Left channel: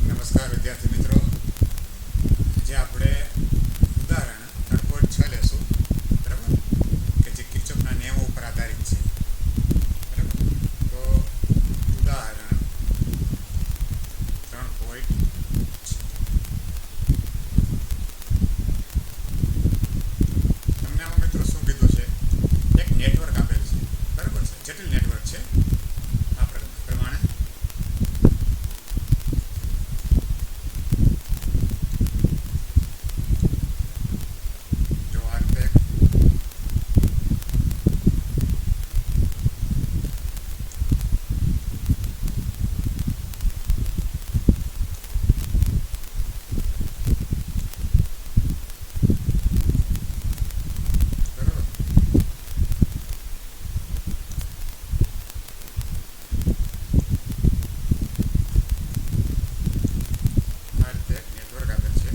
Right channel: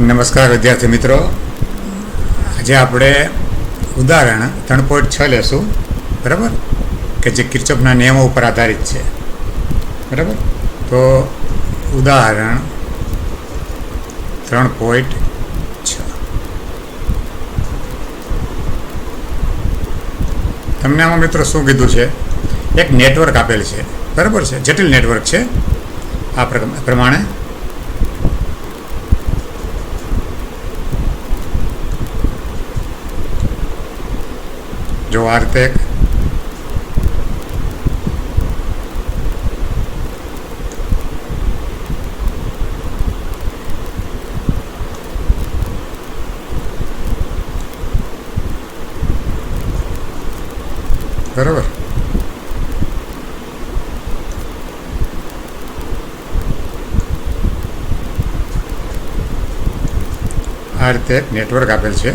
નમસ્કાર વિદ્યાર્થી મિત્રો, આજે આપણે ઉદાહરણ 3.6 લેશું. બરાબર, કે જે કિર્ચોફના નિયમો ઉપર આધારિત છે. બરાબર, તો ઉદાહરણ 3.6 તમને આમાં મિત્રો શું કીધું છે? એક નેટવર્ક આપેલ છે. બરાબર છે, જટિલ નેટવર્ક છે. આ પ્રમાણે જો આ રીતે બરાબર, આ રીતે એક નેટવર્ક આપેલ છે.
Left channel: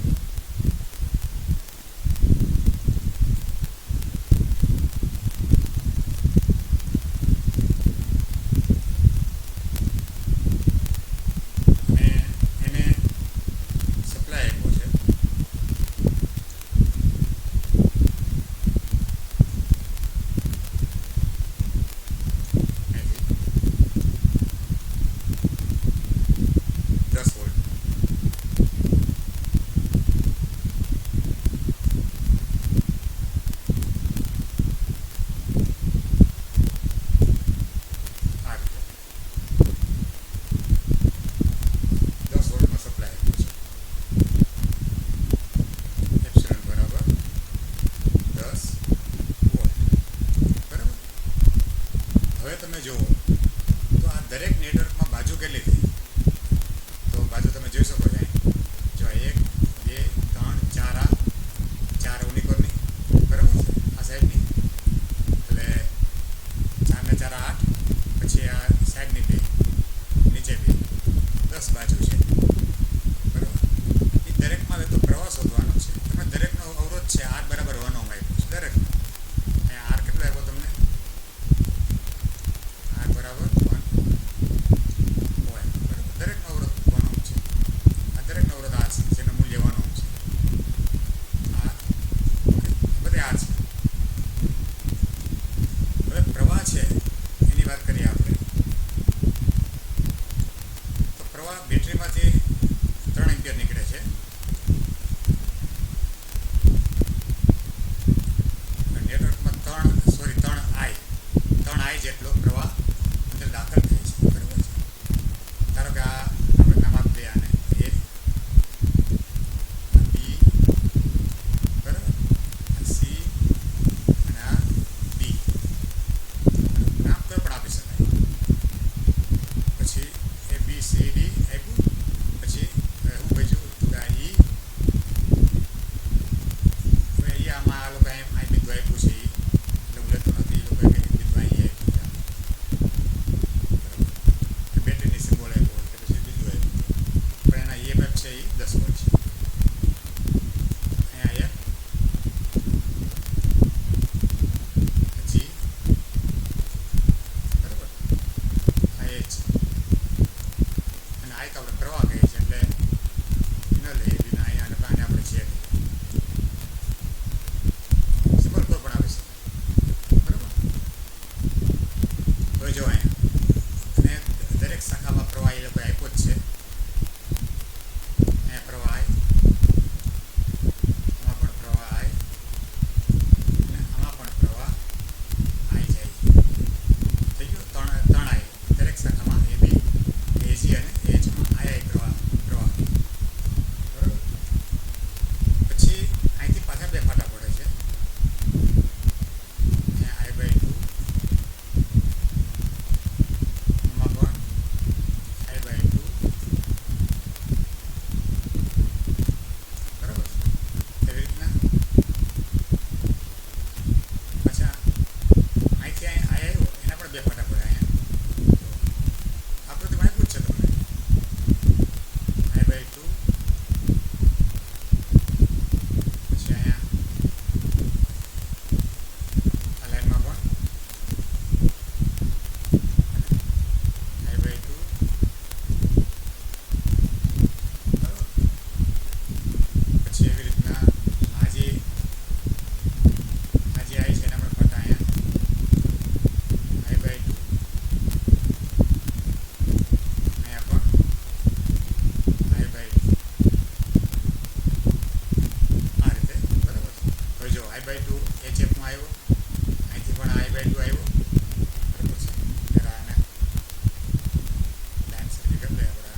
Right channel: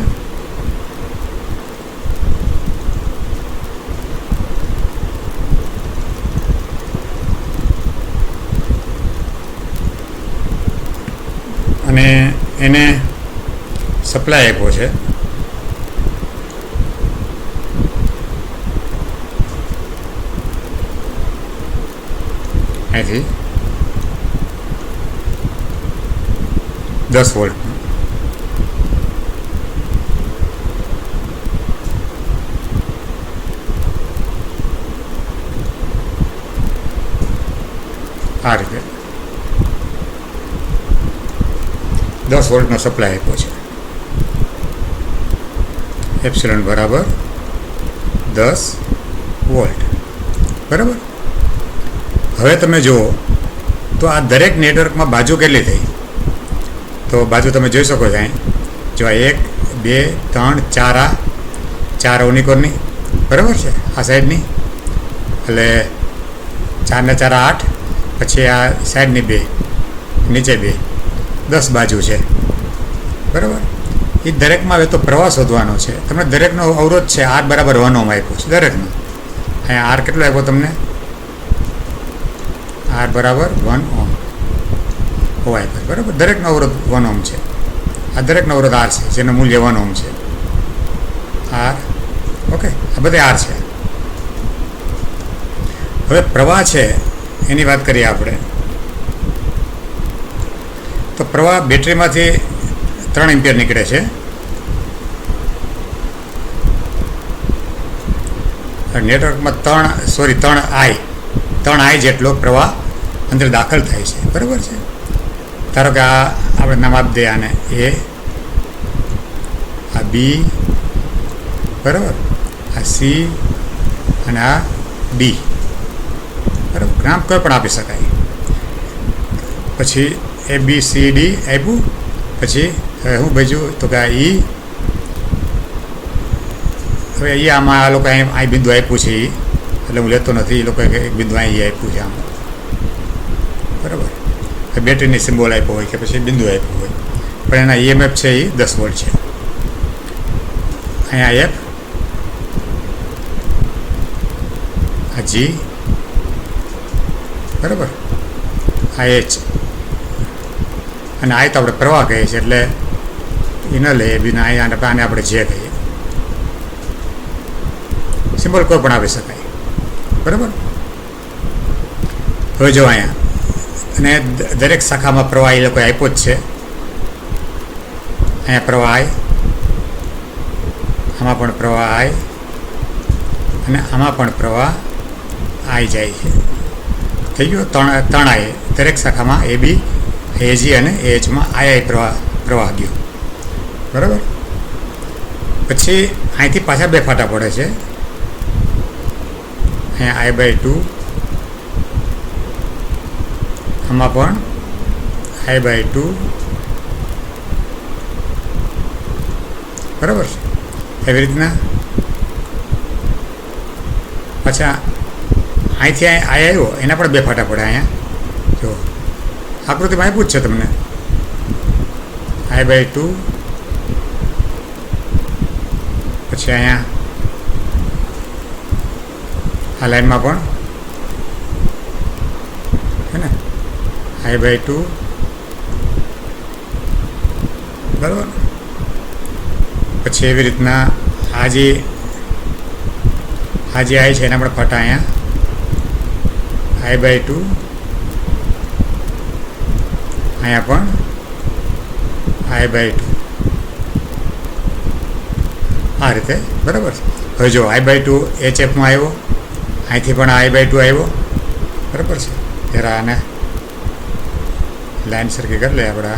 અને એને સપ્લાય આપ્યો છે. અહીંથી 10 વોલ્ટ. આ રીતે 10 વોલ્ટનો સપ્લાય આપ્યો છે. એપ્સિલોન બરાબર 10 વોલ્ટ. બરાબર, હવે તમે જુઓ તો આ દરેક નેટવર્કમાં બાજુ કેટલી થઈ? તો બાજુ તમે જોઈ શકો છો અહીં. જો 1 2 3 4, આ 4 ઓનિકોરની. બરાબર છે, આ સાઈડની એટલે 4 ને 4 8, પછી આ સાઈડની 2, નીચે 2, 10 બાજુ છે. બરાબર, એ દરેકમાં હવે તો પ્રવાહ શોધવાનો છે. તમને દરેકનો અવરોધ છે R બરાબર 1 ઓહમ આપ્યો છે દરેકનો. અહીંયા R કેટલો આપ્યો તમને? R બરાબર 1 ઓહમ આપ્યો. બરાબર, દરેકનો અવરોધ 1 ઓહમ છે. આ દરેકનો અવરોધ R છે, જેનું મૂલ્ય 1 ઓહમ છે. R, ઓકે, આ બધે R છે. હવે પ્રવાહ છે એની વાત કરીએ આપણે. તો પ્રવાહ બેટરીમાંથી 3 એમ્પિયર નીકળે છે. નેટવર્કમાં 3 I જેટલો પ્રવાહ અંદર દાખલ થાય છે. બરાબર છે. ધારો કે આ આપણે નામ આપી દઈએ આને A, આ B, બરાબર, આ C અને આ D. બરાબર, નામ કોઈ પણ આપી શકાય. પછી ABCD આપ્યું. પછી હું બીજું તો કે E. હવે એ આમાં આ લોકો અહીં બિંદુ આપ્યું છે, એટલે હું લેતો નથી. એ લોકોએ એક બિંદુ અહીં આપ્યું છે આમ. બરાબર, બેટરીની સિમ્બોલ આપ્યો હોય કે પછી બિંદુ આપ્યું હોય, પણ એના EMF છે એ 10 વોલ્ટ છે. અહીંયા F, આ G, બરાબર, આ H અને આ તો આપણે પ્રવાહ કહીએ છીએ, એટલે એ ન લઈએ બીના. અહીંયા આને આપણે જે કહીએ. સિમ્બોલ કોઈ પણ આપી શકાય. બરાબર, હવે જો અહીંયા અને દરેક શાખામાં પ્રવાહ એ લોકોએ આપ્યો જ છે. અહીંયા પ્રવાહ I, આમાં પણ પ્રવાહ I અને આમાં પણ પ્રવાહ I જાય છે. થઈ ગયો 3 I દરેક શાખામાં AB, AG અને AHમાં I પ્રવાહ ગયો. બરાબર, પછી અહીંથી પાછા 2 ફાટા પડે છે. અહીંયા I/2, આમાં પણ I/2. બરાબર, એવી રીતના પાછા અહીંથી I આવ્યો, એના પણ 2 ફાટા પડે. અહીંયા જો આકૃતિમાં આપ્યું જ છે તમને. I/2, પછી અહીંયા આ લાઈનમાં પણ I/2 બરાબર. પછી એવી રીતના આ જે આઈ છે એને આપણે ફટા અહીંયા I/2, અહીંયા પણ I/2, આ રીતે બરાબર છે. હવે જો I/2 HFમાં આવ્યો, અહીંથી પણ I/2 આવ્યો, બરાબર છે. જરા આને લાઈન સરખી કરી લે આપણે.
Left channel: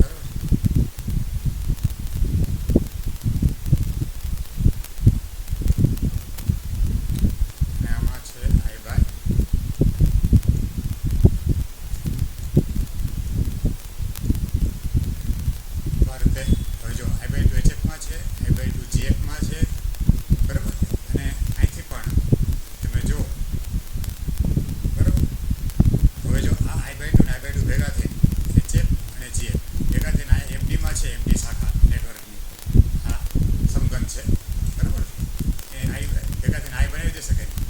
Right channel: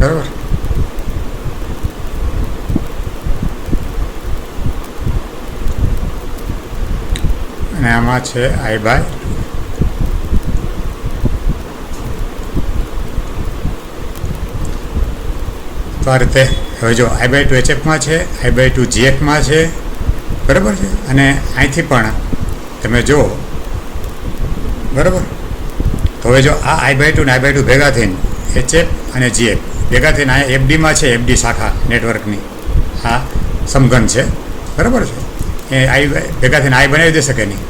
બરાબર. અને આમાં છે I/2. તો આ રીતે હવે જો I/2 HFમાં છે, I/2 GFમાં છે, બરાબર છે. અને અહીંથી પણ તમે જુઓ, બરાબર. તો હવે જો આ I/2 ને I/2 ભેગા થઈને HF અને GF ભેગા થઈને અહીંયા FDમાં છે, FD શાખા નેટવર્કની આ સમઘન છે, બરાબર છે. એ ભેગા થઈને I બનાવી દેશે કે નહીં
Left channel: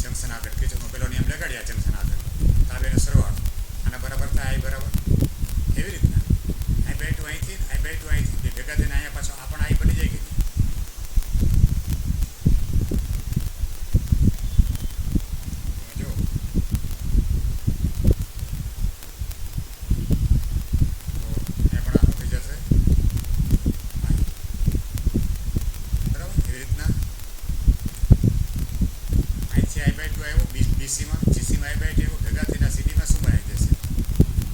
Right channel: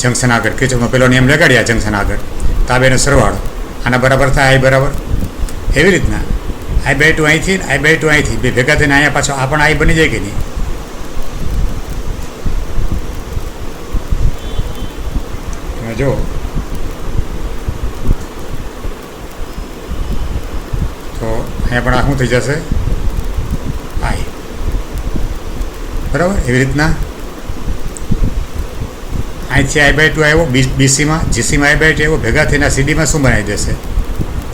જંક્શન આગળ. કિર્ચોફનો પેલો નિયમ લગાડ્યા જંક્શન આગળ, તો આ બેનો સરવાળો આના બરાબર થાય I બરાબર. એવી રીતના I/2 અહીંથી I/2 અહીંથી બે ભેગા થઈને અહીંયા પાછો આ પણ I બની જાય કે નહીં. તમે જુઓ તો અહીંયા પણ આ શું થઈ જશે I, બરાબર. એવી રીતના અહીંથી I/2 આવ્યો BCમાં, GCમાં I/2 આવ્યો, ભેગા થઈને CDમાં શું બનાવી દેશે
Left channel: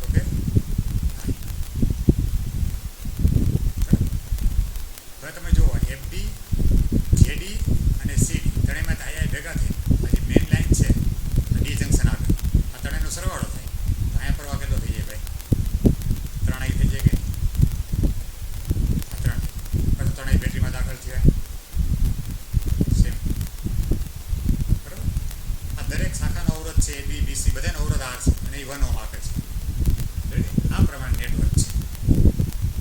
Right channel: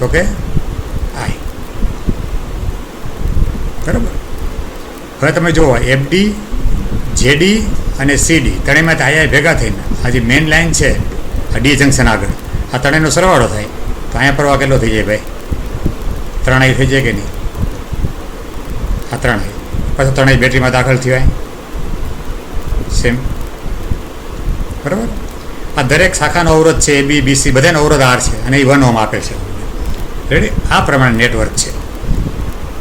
તો કે I, બરાબર. હવે તમે જુઓ FD, JD અને CD ત્રણેયમાંથી અહીંયા ભેગા થઈને આ જે મેઇન લાઇન છે આ D જંક્શન આગળ, આ ત્રણેયનો સરવાળો થાય તો અહીંયા પ્રવાહ કેટલો થઈ જાય ભાઈ? 3I થઈ જાય કે નહીં? આ 3I પાછું 3I બેટરીમાં દાખલ થવાય સેમ, બરાબર. આ દરેક શાખાનો અવરોધ છે AB, BC બધાનો અવરોધ R છે અને એ 1 ઓહ્મ આપે છે. રેડી? આ પ્રમાણે નેટવર્ક છે.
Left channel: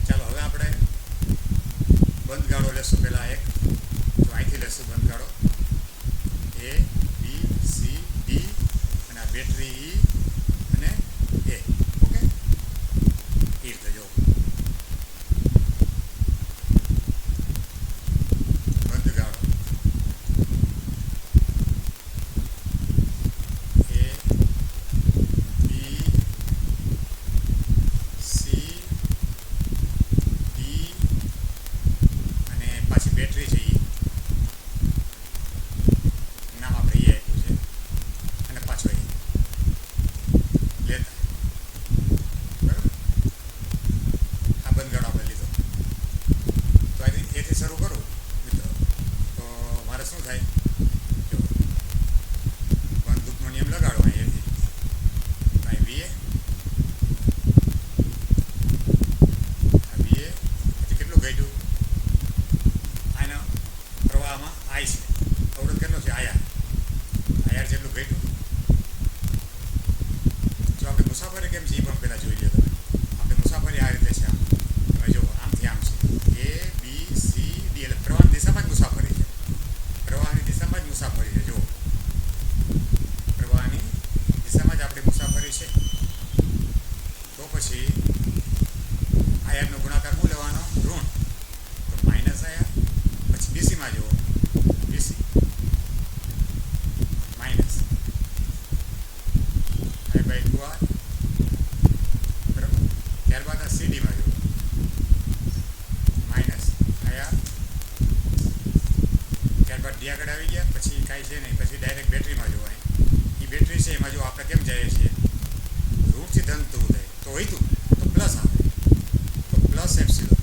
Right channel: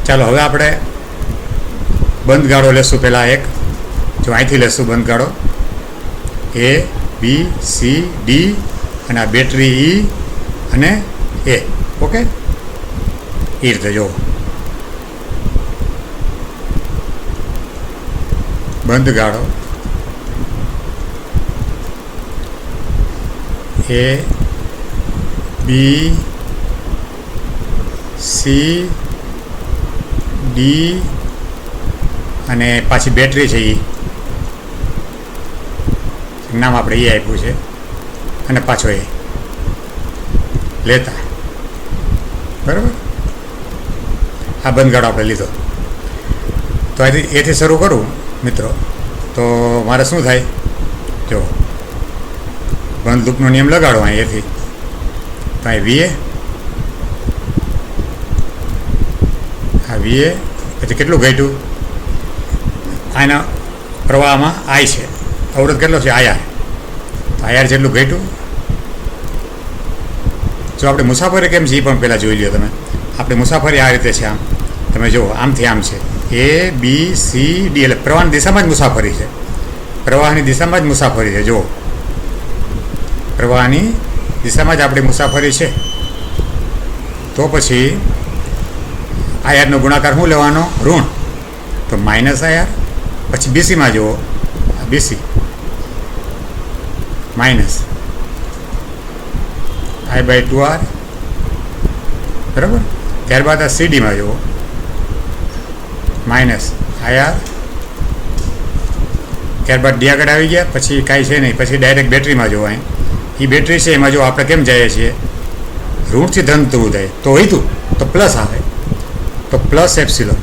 ચાલો હવે આપણે બંધ ગાળો લેશું. પહેલાં એક જો અહીંથી લેશું બંધ ગાળો A, B, C, D અને આ બેટરી E અને A. ઓકે, એ રીતે જો બંધ ગાળો A, B, C, D અને પાછી બેટરી છે એ નામ આપણે એ આપ્યું છે અને પાછો એ લેતા, બરાબર. આ બંધગાળો આપણે લીધો. તો એથી શરૂ કરું મિત્રો તો મારે શું થાય? જો બંધ લૂપનો નિયમ લગાડો અહીં એથી તો અહીં VA, આ VA પછી કેટલું ઘટ્યું? આના પ્રવાહમાં I છે, અવરોધ કેટલો છે? IR. તો IR જેટલું ઘટ્યું. જો આપણે મુસાફરી કેમ છે એ પણ પહેલાં જોઈ લો તમે. આપણી મુસાફરી આ રીતે છે. આમ તમે જુઓ, આમથી આમ છે A, B, C, D એટલે પ્રવાહની દિશામાં જ મુસાફરી છે. પ્રવાહની દિશામાં જ મુસાફરી છે. જુઓ, પ્રવાહની દિશામાં જ આપણી મુસાફરી છે. તો પછી IRનો ગુણાકાર શું લેવાનો? ઋણ. તો -IR. પછી BCમાં જુઓ, BC માઇનસ I/2R, બરાબર. ત્યારબાદ આ CDમાં જુઓ -IR. ત્યારબાદ D આગળ આવી ગયા, પછી કાંઈ છે નહીં. પછી ડાયરેક્ટ બેટરીમાં જુઓ, અહીં એ બેટરી છે એમાં જો આપણે કેમ જઈએ છીએ ઋણથી ધન થવું જાય તો હોઈતું તો પ્લસ આવે તો પ્લસ એપ્સિલોન.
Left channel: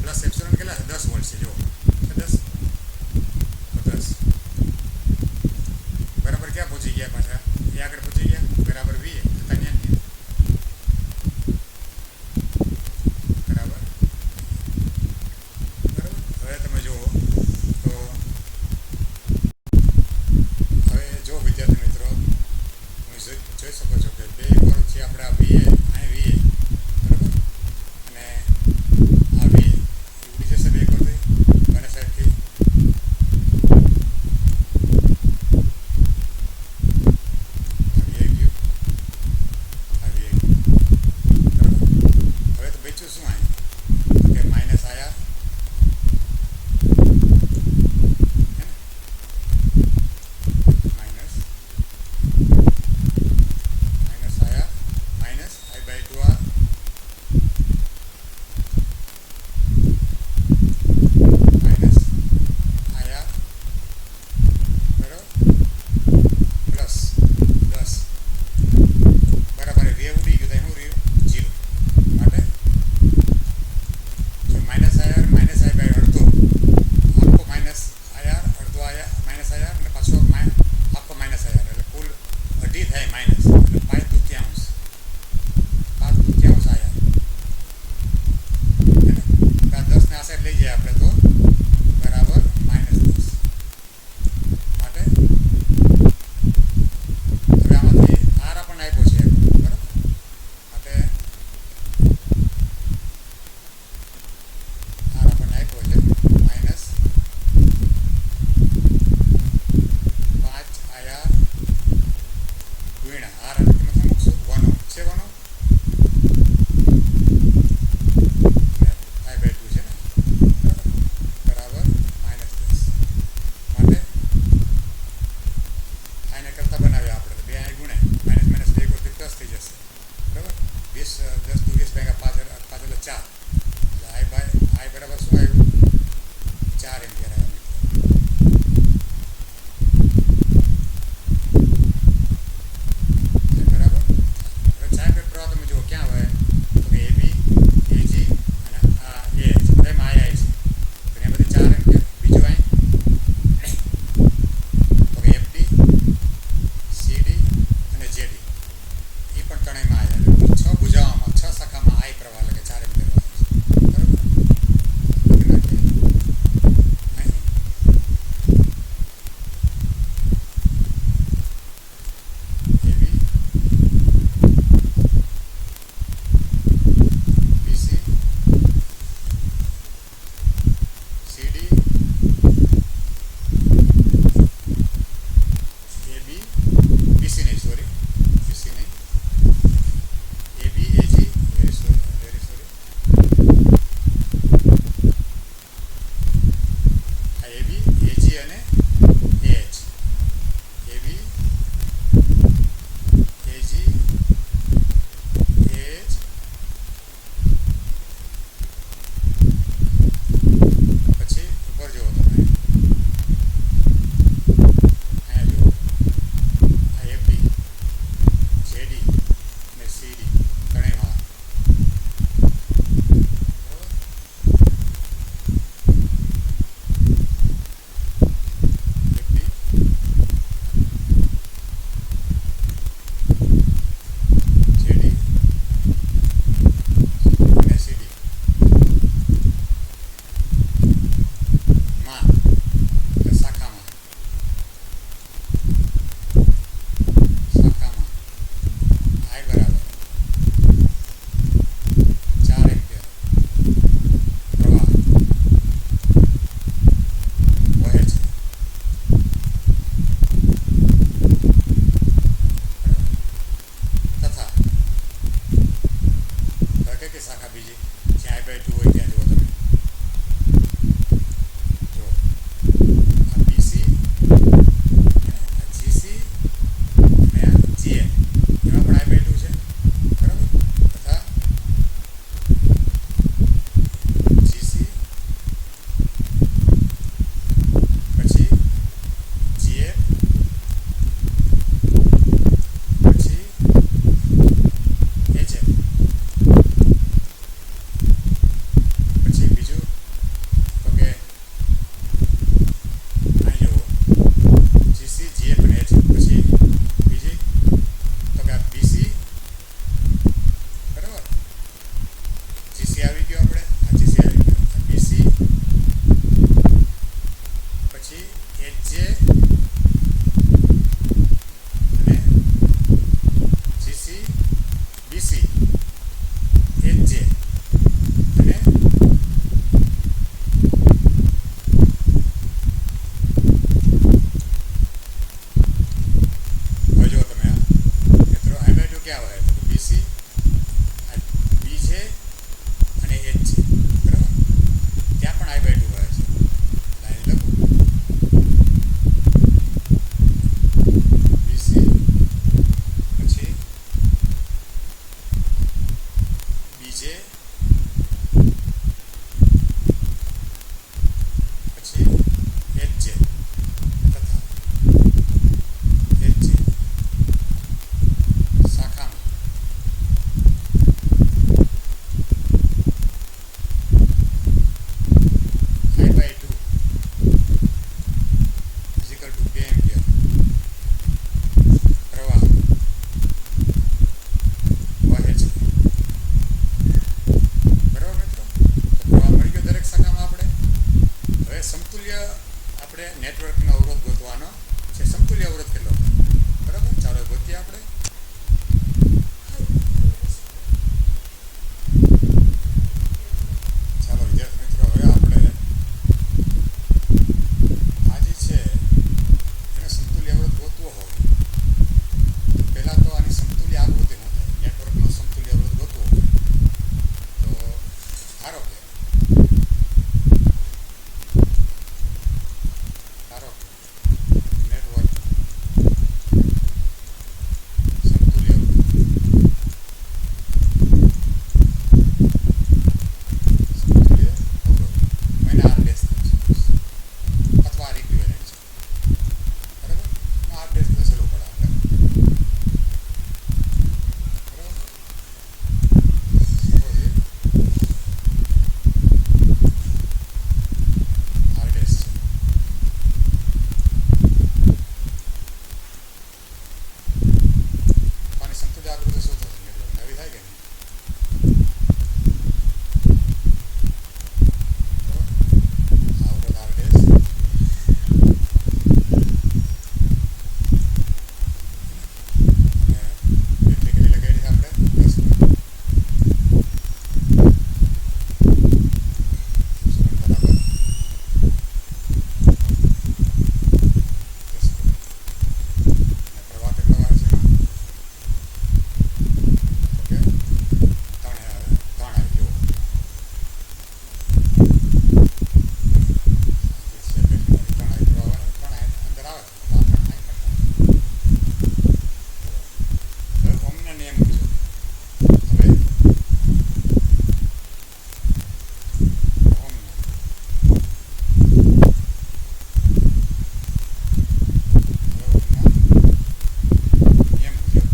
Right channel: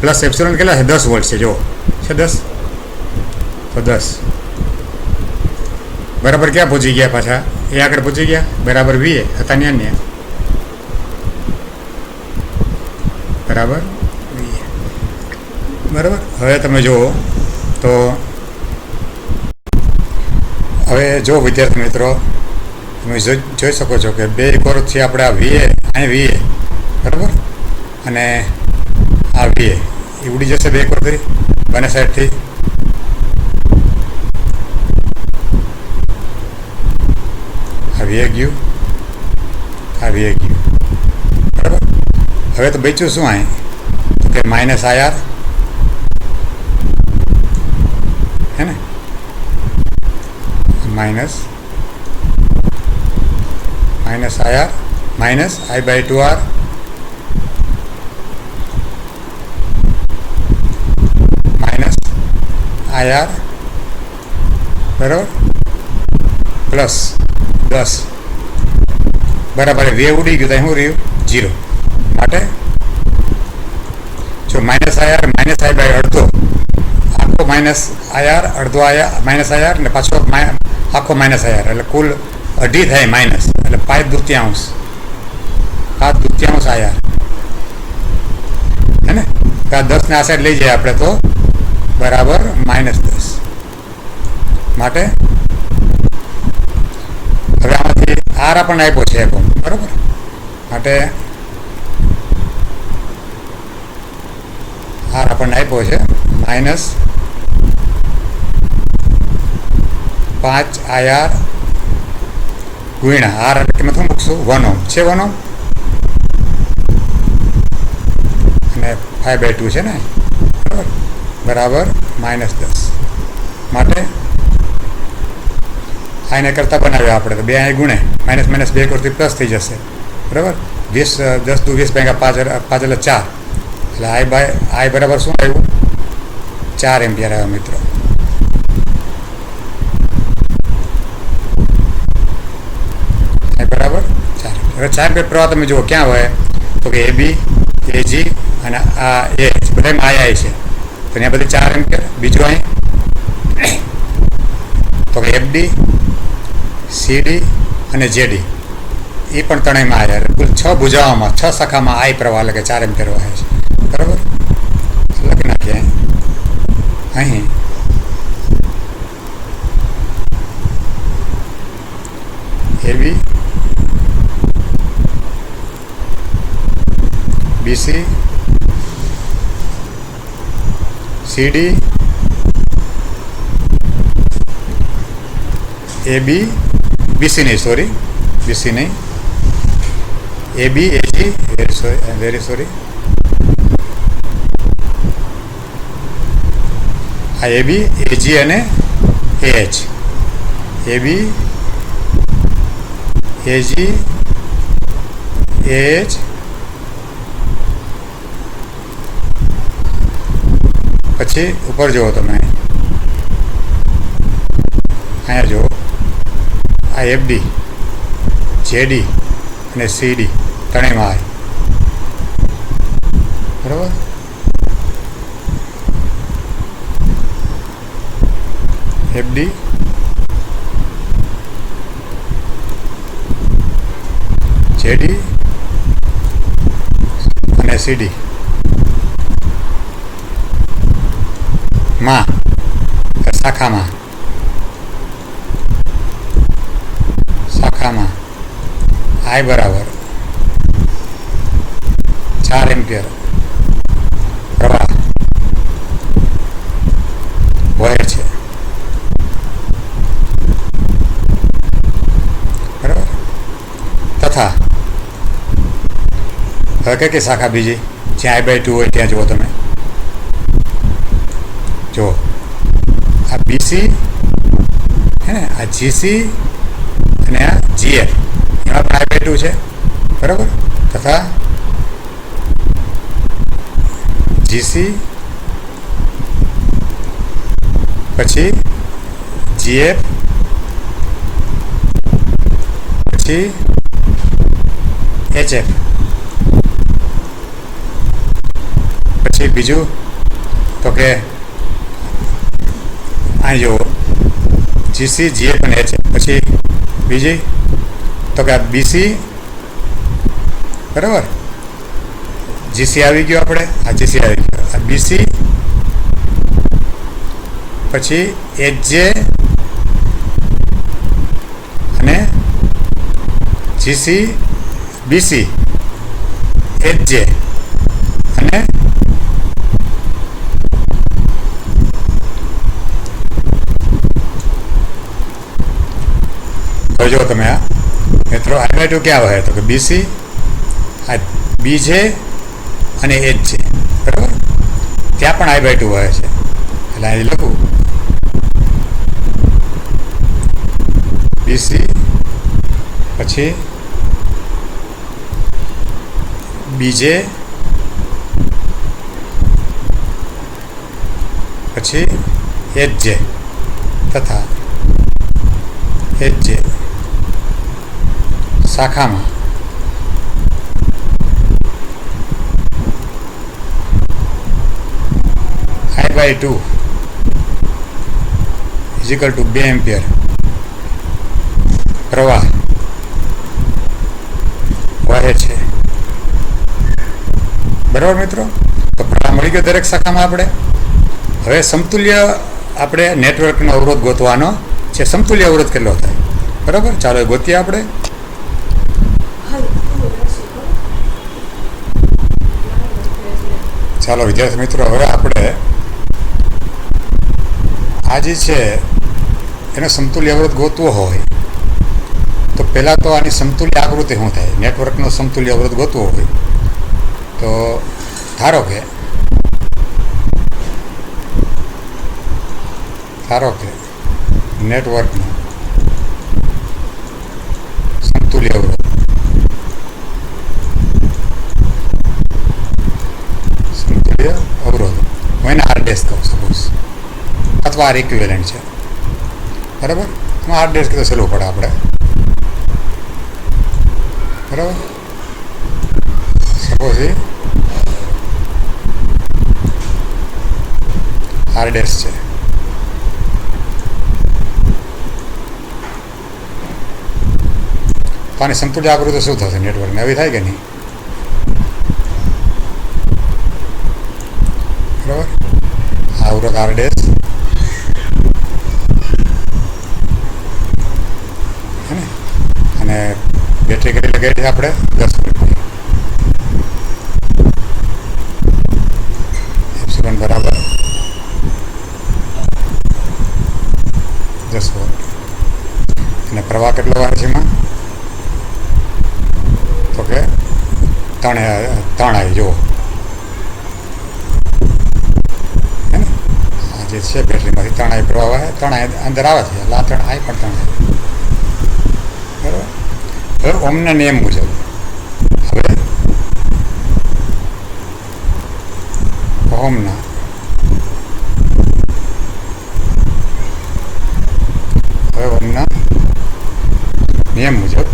પ્લસ એપ્સિલોન કેટલા છે? 10 વોલ્ટ છે. જો છે 10 તો 10 બરાબર ક્યાં પહોંચી ગયા? પાછા એ આગળ પહોંચી ગયા, બરાબર VA હતા ને અન્ય, બરાબર VA, બરાબર. હવે તમે જુઓ તો હવે જો વિદ્યાર્થી મિત્રો તમે જોઈ શકો છો કે બે કોરથી આપણે આ વીએ અહીં વીએ બરાબર અને આ વીએ એ ઉડી જશે બે કોરથી બંને સાઈડથી. આ વીએ ગયું, આ વીએ ગયું બરાબર. હવે તો બચ્યું શું અહીં તો કે માઇનસ આર હે ને, minus R minus I/2R minus IR બરાબર પ્લસ 10 બરાબર. વે ઉડી ગયું તો શું રહ્યું 0. માટે જો માઇનસ IR માઇનસ I/અડધો આખો માઇનસ IR અડધો માઇનસ IR ને પાછો આખો માઇનસ IR એટલે કુલ અઢી થાય માઇનસ એટલે 5/2 IR હે ને. આ 10 ને આ સાઈડ લઈ જાય આપણે તો બરાબર -10. માટે હવે આમાંથી આર આપણને આપ્યો છે એકમ બરાબર. માટે આર આપણને આપ્યો છે -5 IR ગુણ્યા આર એટલે કિંમત શું મૂકશું 1 ઓહ્મ છે, 1 ઓહ્મ અને 5/2 છે ને બરાબર -10. માટે આને કરતાં બનાવ્યા આપણે તો બે અહીં ગુણે માઇનસ માઇનસ 2 કરતી પ્લસ થઈ જશે બરાબર. 20 10 × 20 × 5 એટલે 4 એટલે I બરાબર શું આવ્યું 4 એમ્પિયર આવ્યા મિત્રો. બરાબર 4. હવે 4 એમ્પિયર પ્રવાહ તમે જુઓ ક્યાં હોય તો કે AB AG અને આ AH બધામાં I છે તો ત્યાં બધી 4 એમ્પિયર. બીજું અહીં તો કે FD CD અને JD એ પણ ત્રણેયમાં આવ્યા એટલે કુલ 6 ભુજાઓમાં 6 શાખામાં I પ્રવાહ એટલે કે 4 એમ્પિયર વહે છે બરાબર. લખી નાખીએ અહીં AB BC CD AB BC नहीं सॉरी BC नहीं AB AG वेरी सॉरी આ AB AG અને AH AB AG AH પછી ઉપર જુઓ તમે અહીંયા જુઓ આ FD JD અને CD ત્રણેયમાં બરાબર. FD JD અને CD માં શાખામાં I બરાબર 4 એમ્પિયર પ્રવાહ વહે છે બરાબર. તથા હવે કઈ શાખા બીજી જ્યાં I/2 હોય ત્યાં જુઓ તમે જો આ BC હે ને, આ GC અને આ GF એમાં પણ I/2 છે બરાબર. તથા GC પછી GF પછી HF પછી બીજું તો કે અહીં જુઓ GC GF અને HF પછી બીજી તો કે આ BC બરાબર. GC આવી ગયો આપણે આ GC આવી ગયો આ BC પછી HJ જીસી બીસી એચજે અને જો તમે આ મિત્રો I/2 ક્યાં વહે તો કે બીસી આ બીજે અને એચજે બરાબર ત્યાં પણ I/2 વહે છે એટલે અહીં લખું બીસી પછી બીજે પછી એચજે તથા એચજે શાખામાં I/2 = 2 એમ્પિયર પ્રવાહ વહે છે બરાબર મિત્રો. તો પ્રવાહ મળી ગયો દરેક શાખામાં. આપણે હવે સમતુલ્ય આપણે નેટવર્કનો અવરોધ ગોતવાનો છે. સમતુલ્ય અવરોધ કેટલો થાય બરાબર, ચાલો એ ગોતીએ આપણે. ચાલો વિદ્યાર્થી મિત્રો, હવે આપણે આ જે છે એનો સમતુલ્ય અવરોધ ગોતવો હોય તો પહેલાં તો આની સમતુલ્ય આકૃતિ શું થાય. નેટવર્કનો સમતુલ્ય અવરોધ ગોતવો હોય તો ધારો કે નેટવર્કનો સમતુલ્ય અવરોધ હું એને R' કહું સપોઝ, અથવા R ઇક્વિવેલન્ટ છે બરાબર. હું R' કીધું સહેલું પડે આપણે બરાબર. સપોઝ એ R' છે તો આની સમતુલ્ય આકૃતિ શું થશે નેટવર્કને? આવી થાય કે નહીં બરાબર. આ અવરોધ R' અને બેટરી કેટલી લગાવી છે આપણે 10 વોલ્ટની. એપ્સિલોન બરાબર 10 વોલ્ટ. અને પ્રવાહ કેટલો વહે છે એમાં તો કે 3 I જુઓ જે છે બેટરીમાંથી 3 I પ્રવાહ આવે, 3 I અંદર આવે છે એટલે આ 3 I પણ 3 I બરાબર. હવે ઓમના નિયમ મુજબ હવે ઓમના નિયમ મુજબ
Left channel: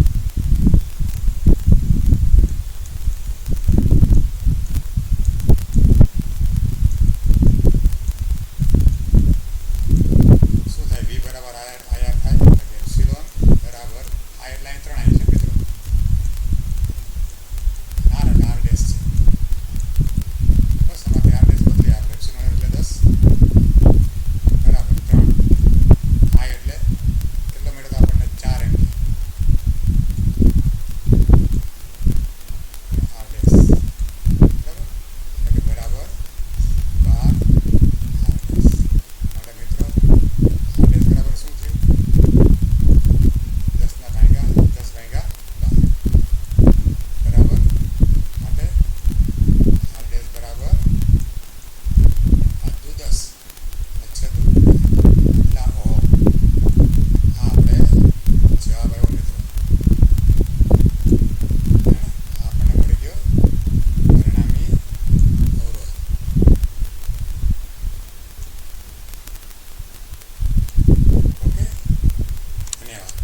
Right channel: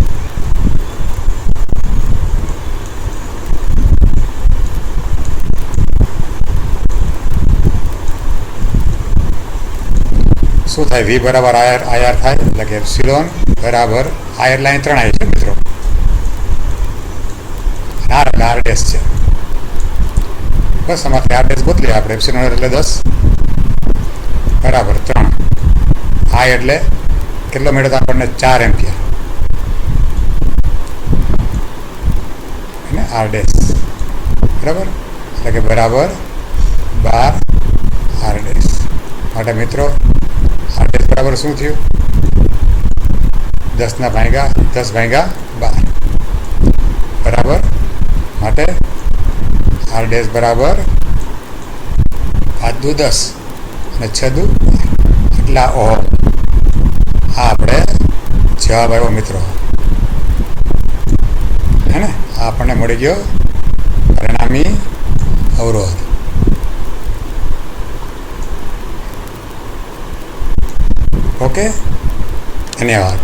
શું થાય? V બરાબર IR થાય એટલે કે એપ્સિલોન બરાબર IR લાઈન 3 I છે મિત્રો. R એટલે R' છે બસ. આમાંથી R' બદલીએ આપણે. એપ્સિલોન એટલે 10 બરાબર 3 I એટલે કેટલો મળ્યો તો આપણને 4 એમ્પિયર અને R' બરાબર એટલે કે બરાબર 12 R' માટે મિત્રો R' બરાબર શું થયું? 10/12 બરાબર. માટે R' બરાબર 5 દુ 10 અને 6 દુ એટલા ઓહમ. આ આપણે જવાબ આવ્યો મિત્રો, હે ને? આ આપણને મળી ગયો પરિણામી અવરોધ. ઓકે, ધન્યવાદ.